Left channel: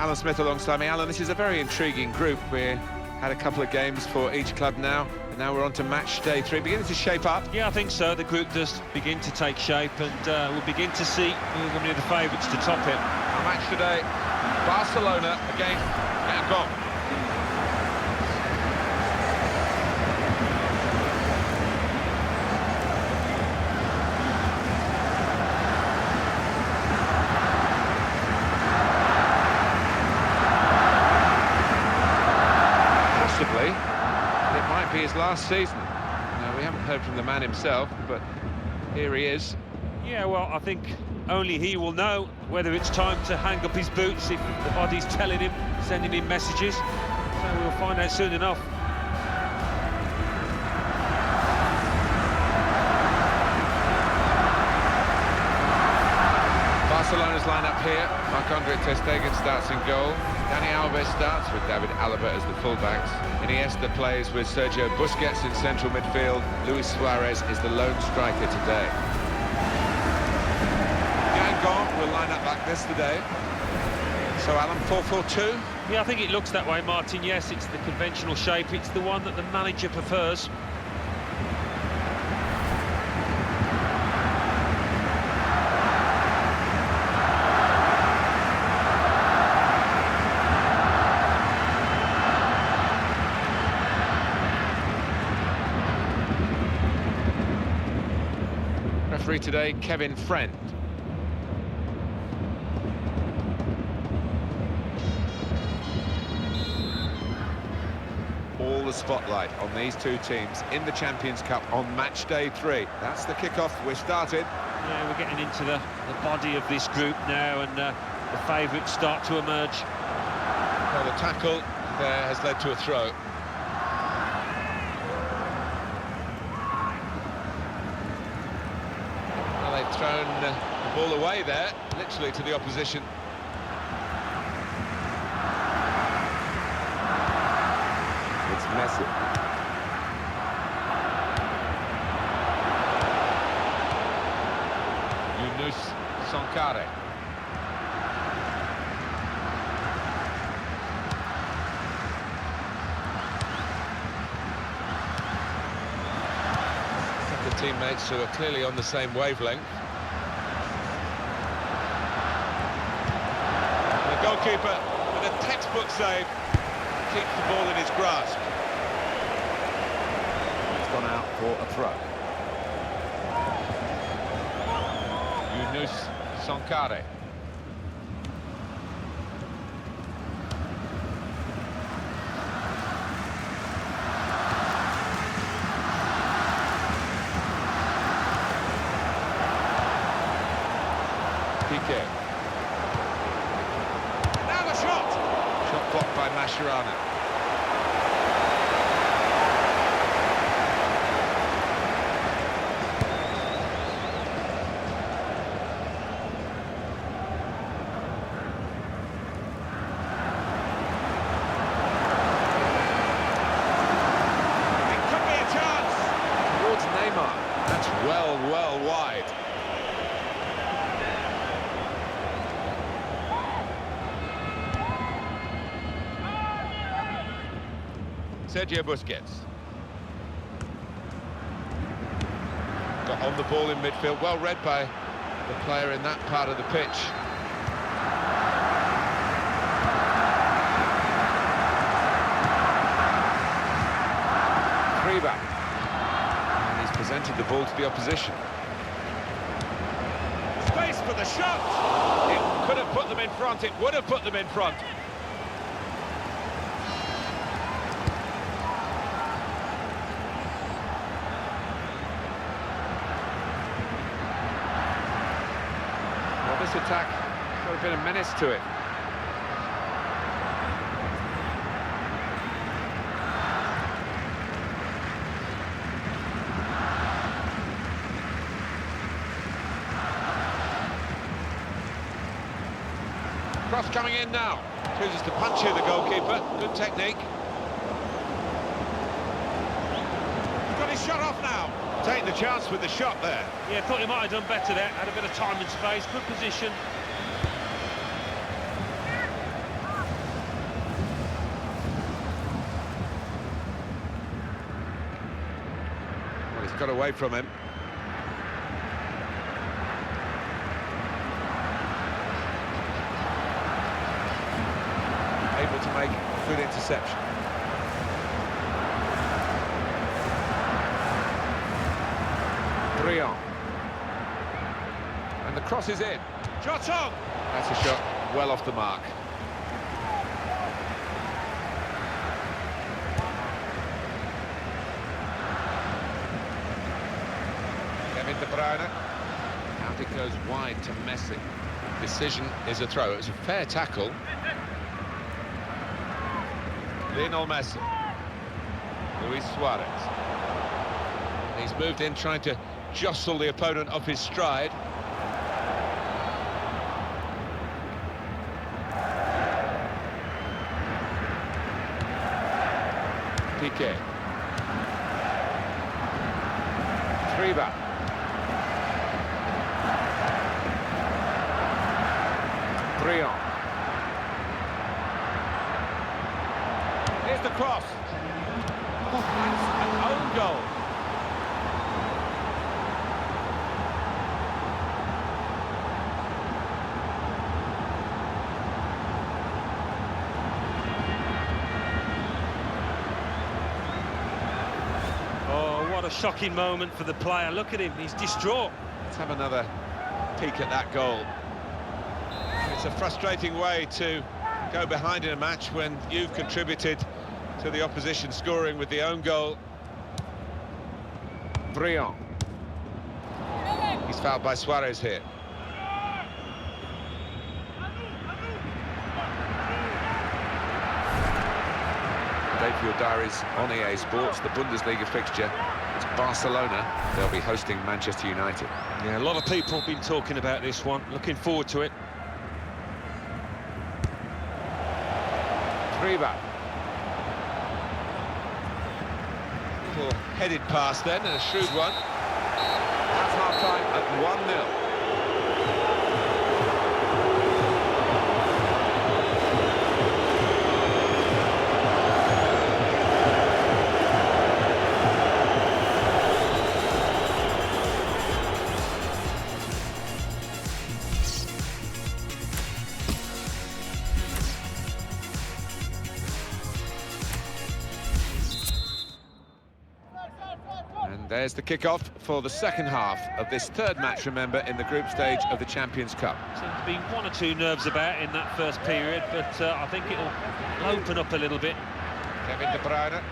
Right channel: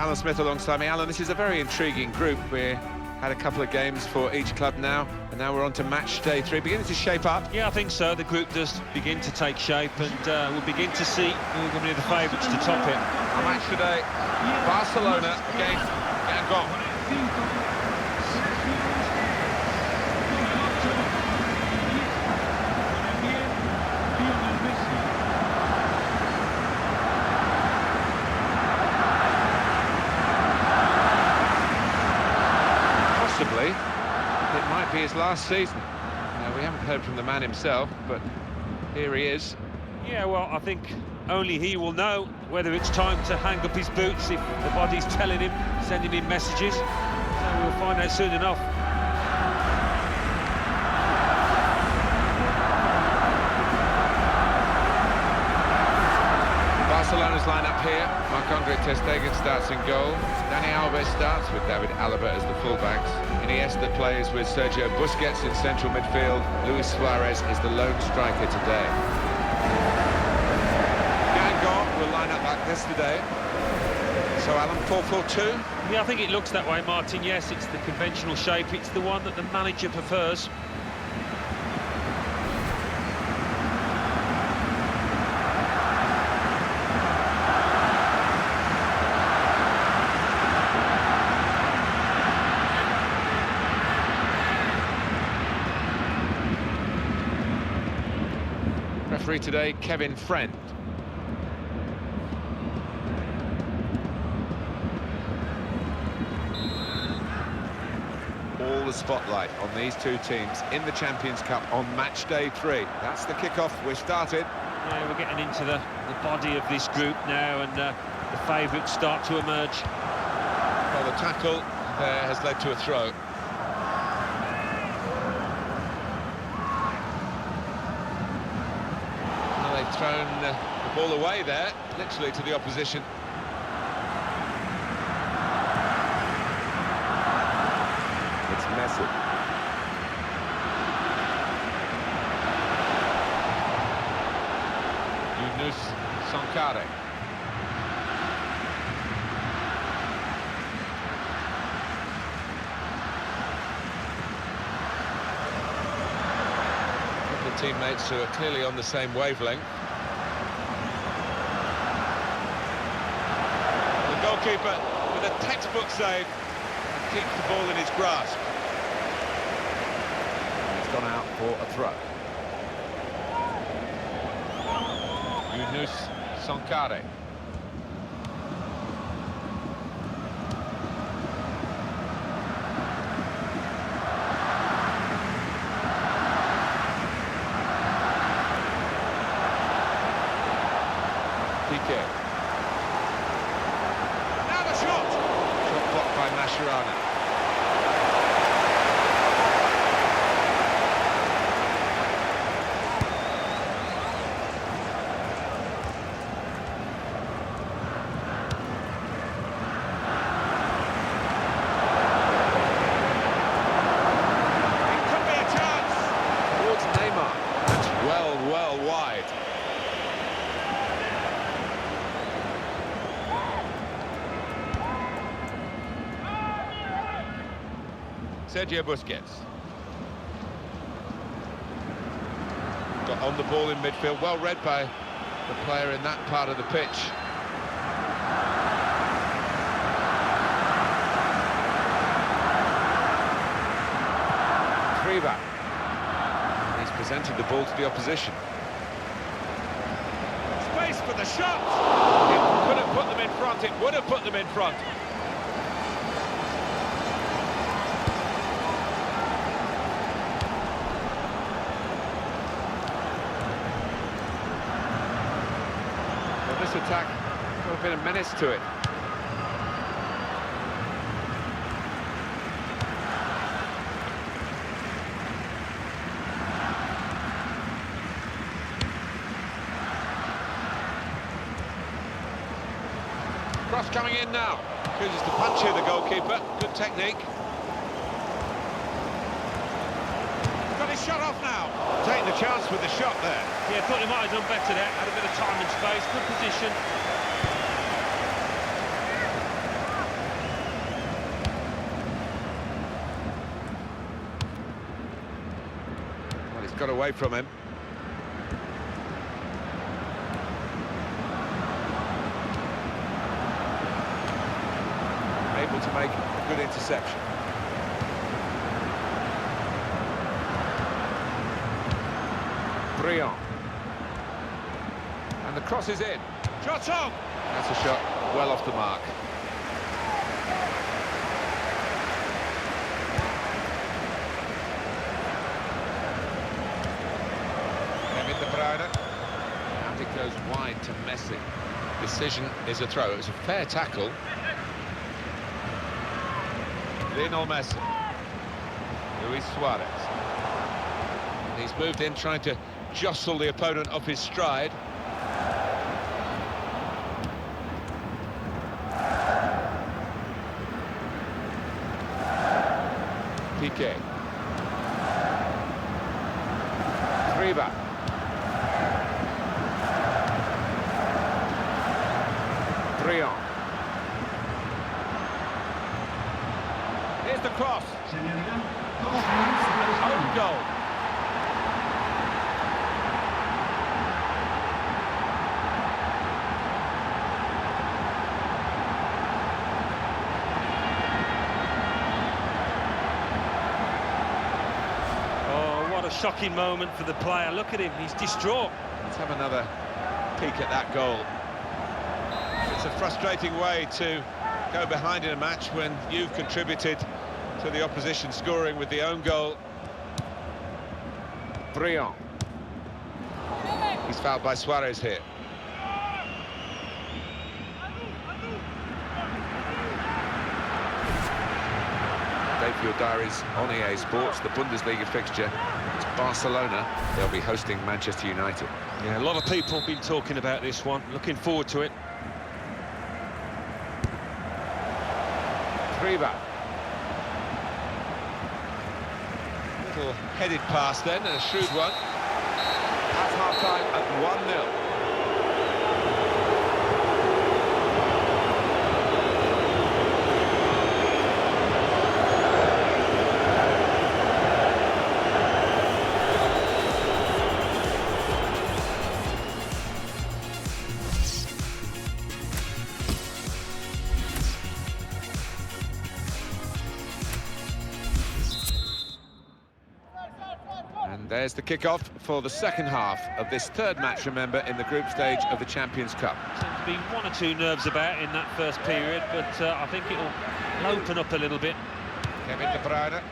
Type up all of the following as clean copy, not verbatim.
Alan Smith alongside me. Alan, this is a very intriguing group. We had a couple of games for each club now, and now we're on to match day 3, beginning to shape up. Yeah, I think so. The group does begin to take shape, and we'll begin to see who are going to be the favourites to top it. Our match today, Barcelona against Guingamp. Possibly, it might be his last season. Now, we haven't heard from the man himself, but here he is. Yeah, well, I think only he will know whether it's time to hang up his boots, if the body's telling him, sending him messages. So we'll find out soon enough. Barcelona's line-up here. Marc-Andre ter Stegen starts in goal. Dani Alves starts with David Alaba as the fullbacks. Iniesta plays with Sergio Busquets in central midfield. Luis Suarez is the lone striker today. Guingamp will line up like this today. So, Alan, 4-4-2? Yeah, I think it looks that way, Martin. Yes, it's the conventional shape. It's the one that the manager prefers. Referee today, Kevin Friend. All the spotlight on these two teams in the Champions Cup on match day 3. That's the kickoff. We're started. Yeah, we're getting into the body of this group now, and the favourites start to emerge. Well, the tackle there has led to a throw. Well, they've thrown the ball away there, literally to the opposition. It's Messi. Yunus Sankare. A couple of teammates who are clearly on the same wavelength. The goalkeeper with a textbook save keeps the ball in his grasp. And it's gone out for a throw. Yunus Sankare. Piqué. Now the shot! Shot blocked by Mascherano. It could be a chance! Towards Neymar. That's well wide. Sergio Busquets. Got on the ball in midfield, well read by the player in that part of the pitch. Riva. And he's presented the ball to the opposition. Space for the shot! It could have put them in front, it would have put them in front. Well, this attack has got a bit of menace to it. Cross coming in now. Chooses to punch here, the goalkeeper. Good technique. Got his shot off now. Taking the chance with the shot there. Yeah, thought he might have done better there. Had a bit of time and space. Good position. got away from him. Able to make a good interception. Briand. And the cross is in. Shot on! That's a shot well off the mark. Kevin De Bruyne. Out it goes wide to Messi. Decision is a throw. It was a fair tackle. Lionel Messi. Luis Suarez. He's moved in trying to jostle the opponent off his stride. Piqué. Triba. Briand. Here's the cross. Oh, that's an own goal. Oh, what a shocking moment for the player. Look at him, he's distraught. Let's have another peek at that goal. It's a frustrating way to go behind in a match when you've contributed to the opposition scoring with the own goal. Briand. He's fouled by Suarez here. Date for your diaries on EA Sports, the Bundesliga fixture. It's Barcelona. They'll be hosting Manchester United. Yeah, a lot of people have been talking about this one. Looking forward to it. Triba. Little headed pass then, and a shrewd one. At half-time at 1-0. And there's the kick-off for the second half of this third match, remember, in the group stage of the Champions Cup. Seemed to be one or two nerves about in that first period, but I think it'll open up a little bit. Kevin De Bruyne.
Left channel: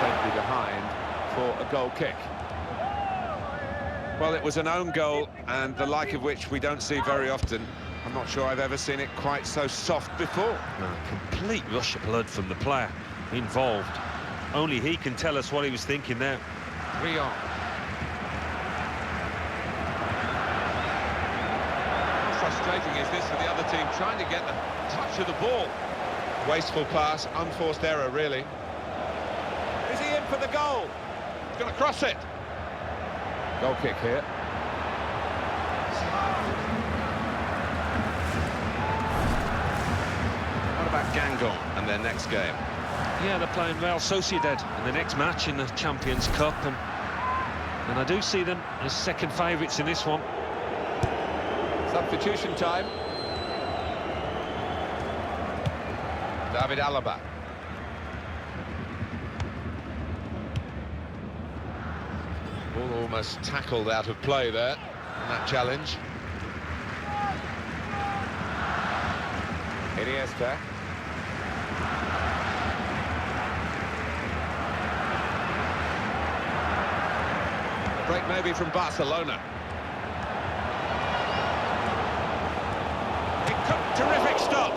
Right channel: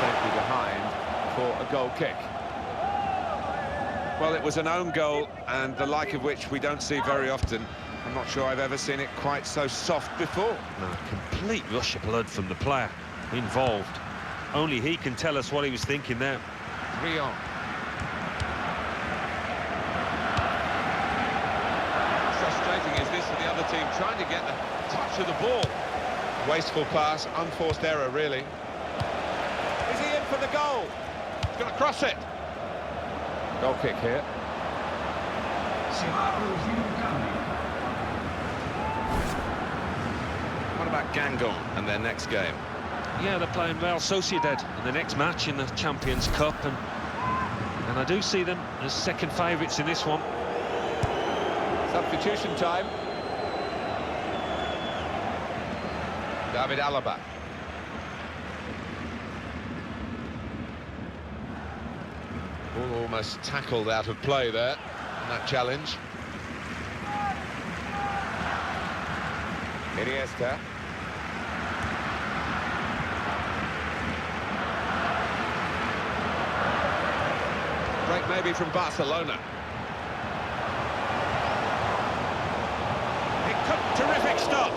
Safely behind for a goal kick. Well, it was an own goal, and the like of which we don't see very often. I'm not sure I've ever seen it quite so soft before. No, complete rush of blood from the player involved. Only he can tell us what he was thinking there. Briand. How frustrating is this for the other team, trying to get the touch of the ball? Wasteful pass, unforced error, really. Is he in for the goal? He's going to cross it. Goal kick here. What about Guingamp and their next game? Yeah, they're playing Real Sociedad in the next match in the Champions Cup, and I do see them as second favourites in this one. Substitution time. David Alaba. Ball almost tackled out of play there in that challenge. Iniesta. Break maybe from Barcelona. Terrific stop.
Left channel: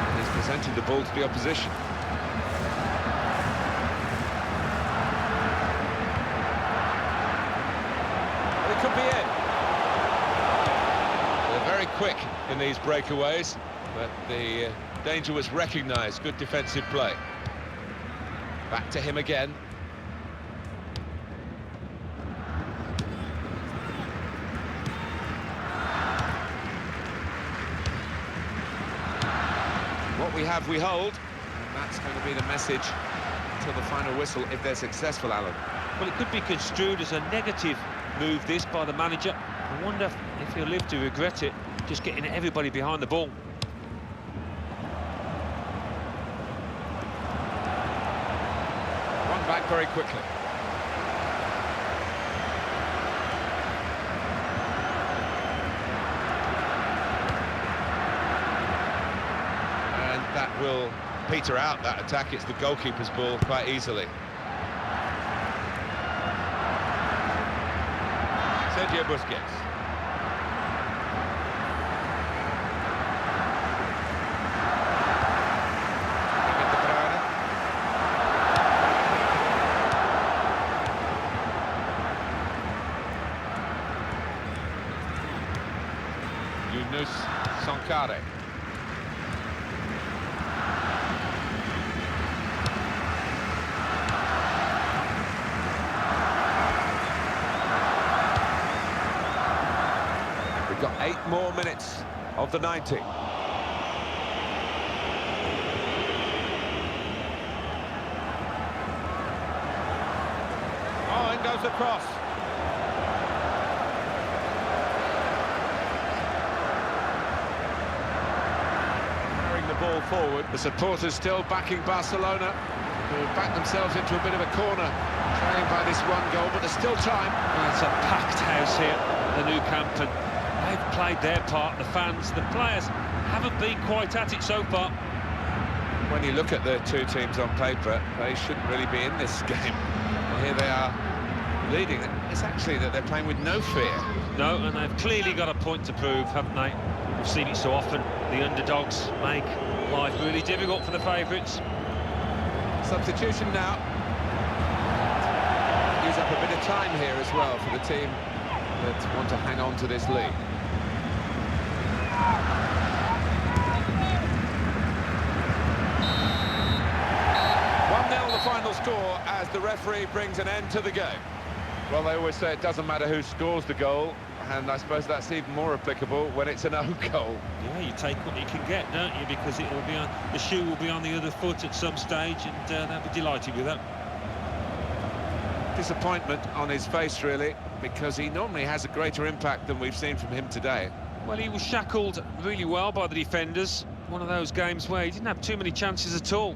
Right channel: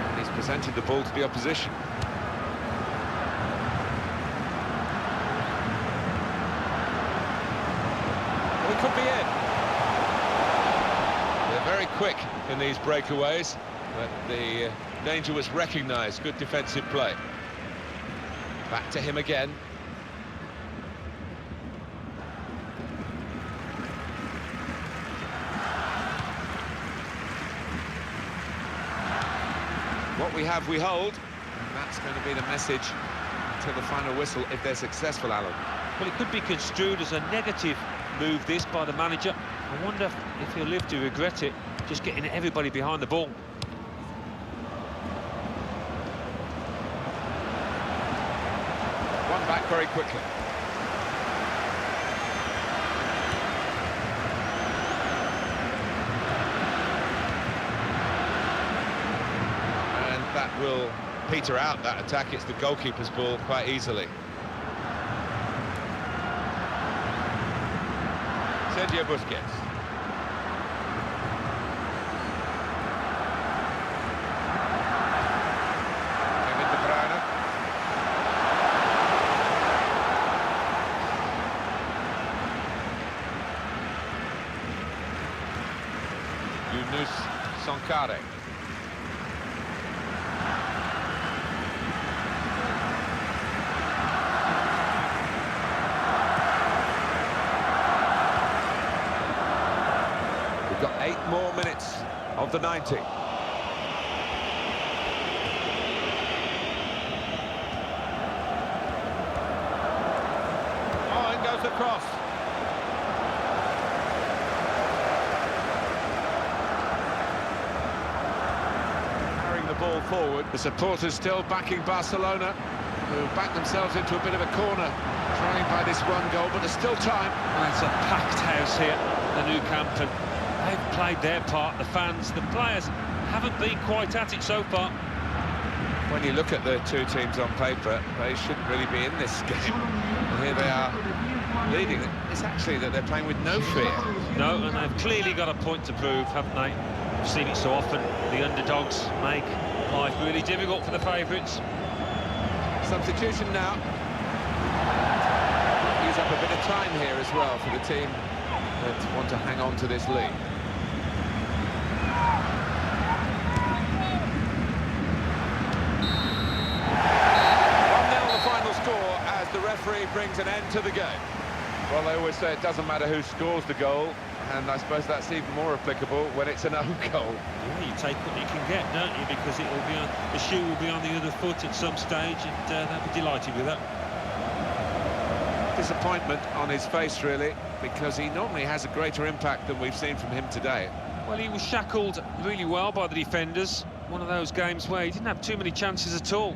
And he's presented the ball to the opposition. Well, it could be in. They're very quick in these breakaways, but the danger was recognised. Good defensive play. Back to him again. What we have, we hold. And that's going to be the message until the final whistle if they're successful, Alan. Well, it could be construed as a negative move, this, by the manager. I wonder if he'll live to regret it, just getting everybody behind the ball. One back very quickly. And that will peter out that attack. It's the goalkeeper's ball quite easily. Sergio Busquets. Kevin De Bruyne. Yunus Sankare. We've got 8 more minutes of the 90. Oh, in goes the cross. Carrying the ball forward. The supporters still backing Barcelona, who backed themselves into a bit of a corner, trailing by this 1 goal, but there's still time. Well, it's a packed house here, the Nou Camp, and they've played their part. The fans, the players haven't been quite at it so far. When you look at the two teams on paper, they shouldn't really be in this game. And here they are leading. It's actually that they're playing with no fear. No, and they've clearly got a point to prove, haven't they? We've seen it so often. The underdogs make life really difficult for the favourites. Substitution now. Use up a bit of time here as well for the team that want to hang on to this lead. The final score as the referee brings an end to the game. Well, they always say it doesn't matter who scores the goal, and I suppose that's even more applicable when it's an own goal. Yeah, you take what you can get, don't you? Because it will be on, the shoe will be on the other foot at some stage, and they'll be delighted with that. Disappointment on his face, really, because he normally has a greater impact than we've seen from him today. Well, he was shackled really well by the defenders. One of those games where he didn't have too many chances at all.